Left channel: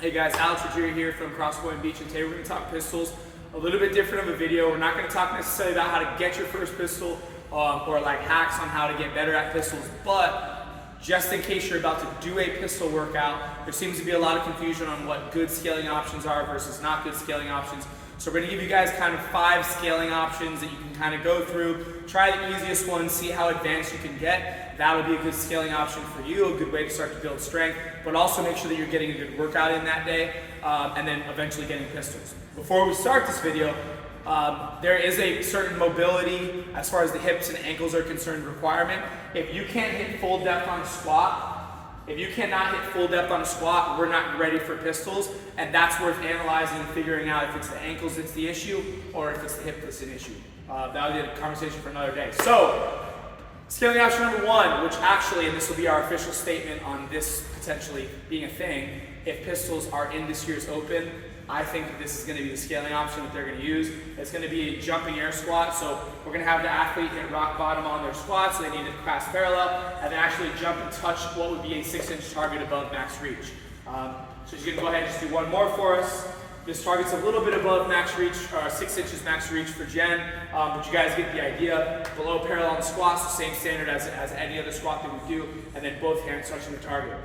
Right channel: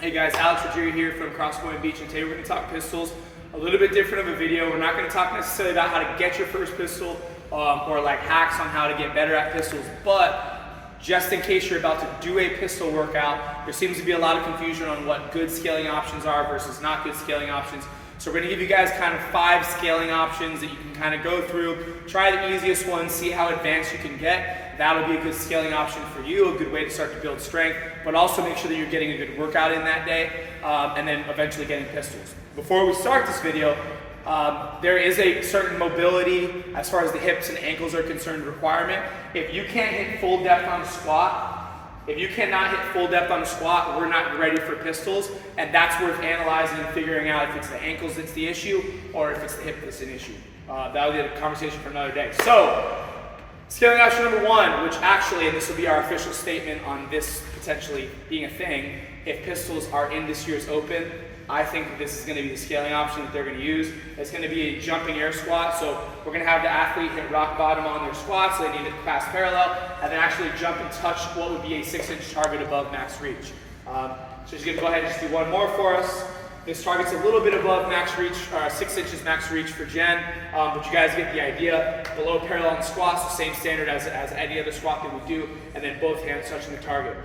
Hey guys, Alex Rodriguez here from Crosspoint Beach, and today we're going to talk pistols. A little bit different of a video. We're not going to talk necessarily about how to get your first pistol or like hacks on how to get better at pistols, but just in case you're about to do a pistol workout, there seems to be a lot of confusion on what good scaling options are versus not good scaling options. So we're going to give you guys kind of 5 scaling options that you can kind of go through. Try the easiest one, see how advanced you can get. That'll be a good scaling option for you, a good way to start to build strength, but also make sure that you're getting a good workout in that day, and then eventually getting pistols. Before we start this video, there is a certain mobility as far as the hips and ankles are concerned requirement. If you can't hit full depth on a squat, if you cannot hit full depth on a squat, we're not ready for pistols, and that's worth analyzing and figuring out if it's the ankles that's the issue or if it's the hip that's an issue. That'll be a conversation for another day. So, scaling option number 1, which actually, and this will be our official statement on this potentially being a thing, if pistols are in this year's Open, I think that this is going to be the scaling option that they're going to use. It's going to be a jumping air squat, so we're going to have the athlete hit rock bottom on their squat, so they need to clasp parallel, and then actually jump and touch what would be a 6-inch target above max reach. So she's going to go ahead and just do one more for us. This target's a little bit above max reach, 6 inches max reach for Jen, but you guys get the idea. Below parallel in squats, the same standard as any other squat that we do, and then both hands touching the target.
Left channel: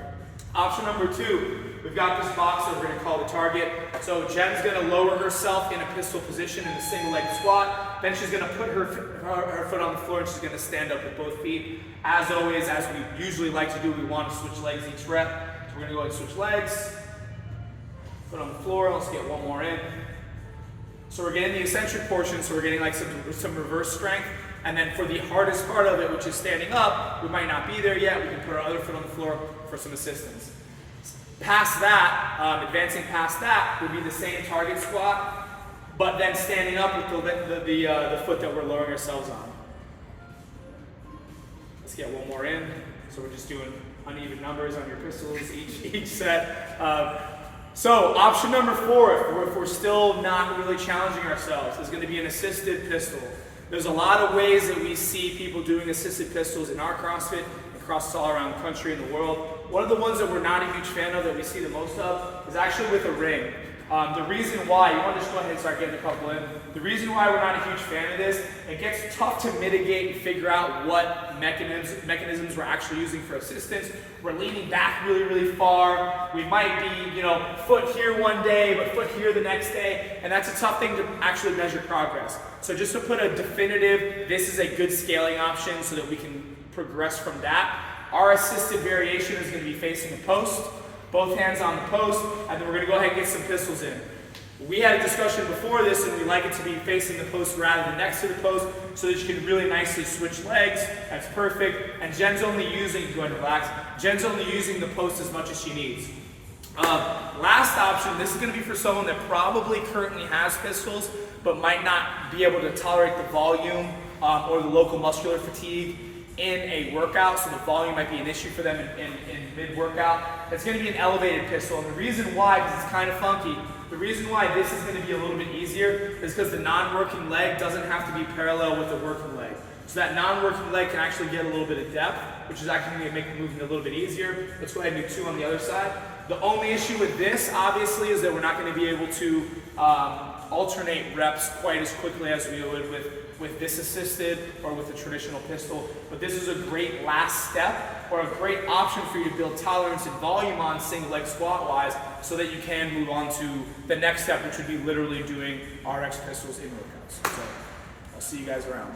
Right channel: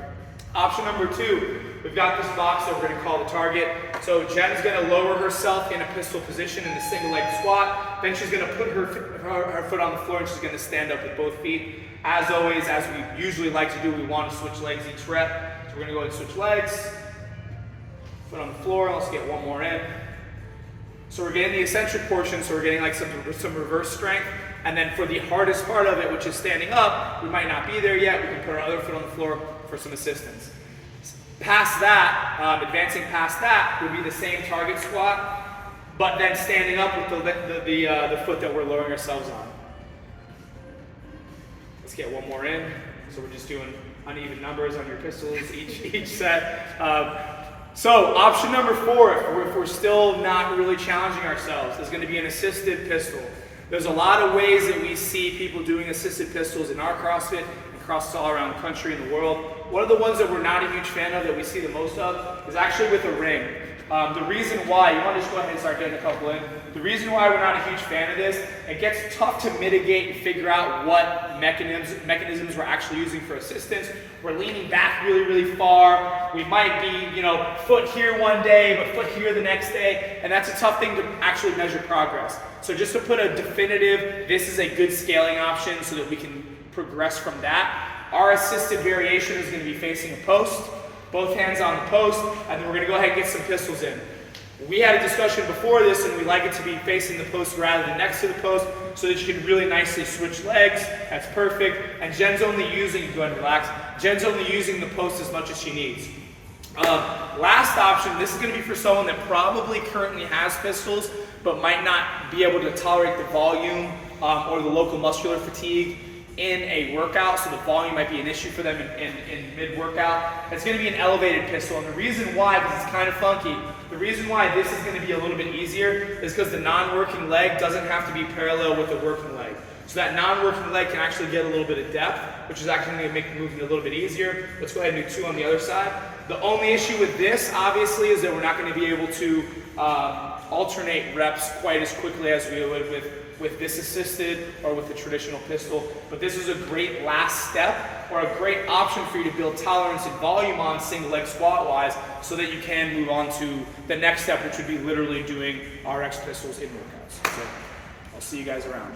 Option number 2, we've got this box that we're going to call the target. So Jen's going to lower herself in a pistol position in a single leg squat. Then she's going to put her foot on the floor and she's going to stand up with both feet. As always, as we usually like to do, we want to switch legs each rep. So we're going to go ahead and switch legs. Foot on the floor, let's get one more in. So we're getting the eccentric portion, so we're getting like some reverse strength. And then for the hardest part of it, which is standing up, we might not be there yet. We can put our other foot on the floor for some assistance. Past that, advancing past that would be the same target squat, but then standing up with the foot that we're lowering ourselves on. Let's get one more in. So we're just doing uneven numbers on your pistols each set. So option number 4, if we're still not really challenging ourselves, is going to be an assisted pistol. There's a lot of ways that we see people doing assisted pistols in our CrossFit and CrossFit all around the country and the world. One of the ones that we're not a huge fan of that we see the most of is actually with a ring. The reason why, you want to just go ahead and start getting a couple in. The reason why we're not a huge fan of this, it gets tough to mitigate and figure out what mechanisms we're actually using for assistance. We're leaning back really, really far. We might be, foot here one day, but foot here the next day. And that's a tough thing to actually measure progress. So just to put a definitive, this is a good scaling option so that we can progress from that. Our assisted variation is going to be facing a post. Both hands on the post, and then we're going to go ahead and get some pistols in. We had a discussion before this, and we like it to be facing the post rather than next to the post so that you can really nicely switch legs. That's perfect. And Jen's only using, go ahead and relax, Jen's only using the post as much as she needs. Last option, this is going to be for someone that probably currently has pistols, but might not be able to tolerate the volume or the local muscular fatigue in a workout, so the volume might be an issue for them in mid-workout. It's going to be an elevated pistol, and the reason why, because it's kind of funky, the reason why this is going to be a little bit easier is because the non-working leg doesn't have to be parallel with the working leg. So that non-working leg can actually get a little bit of depth, which is actually going to make the movement a little bit easier. Let's go ahead and do 2 on the other side. The only issue with this, obviously, is that we're not going to be able to alternate reps quite as quickly as we would with this assisted or with a traditional pistol. But this is a great last step or a great option for you to build tolerance and volume on single leg squat wise so that you can move on to the next step, which would be literally doing RX pistols in workouts. So I'll see you guys around.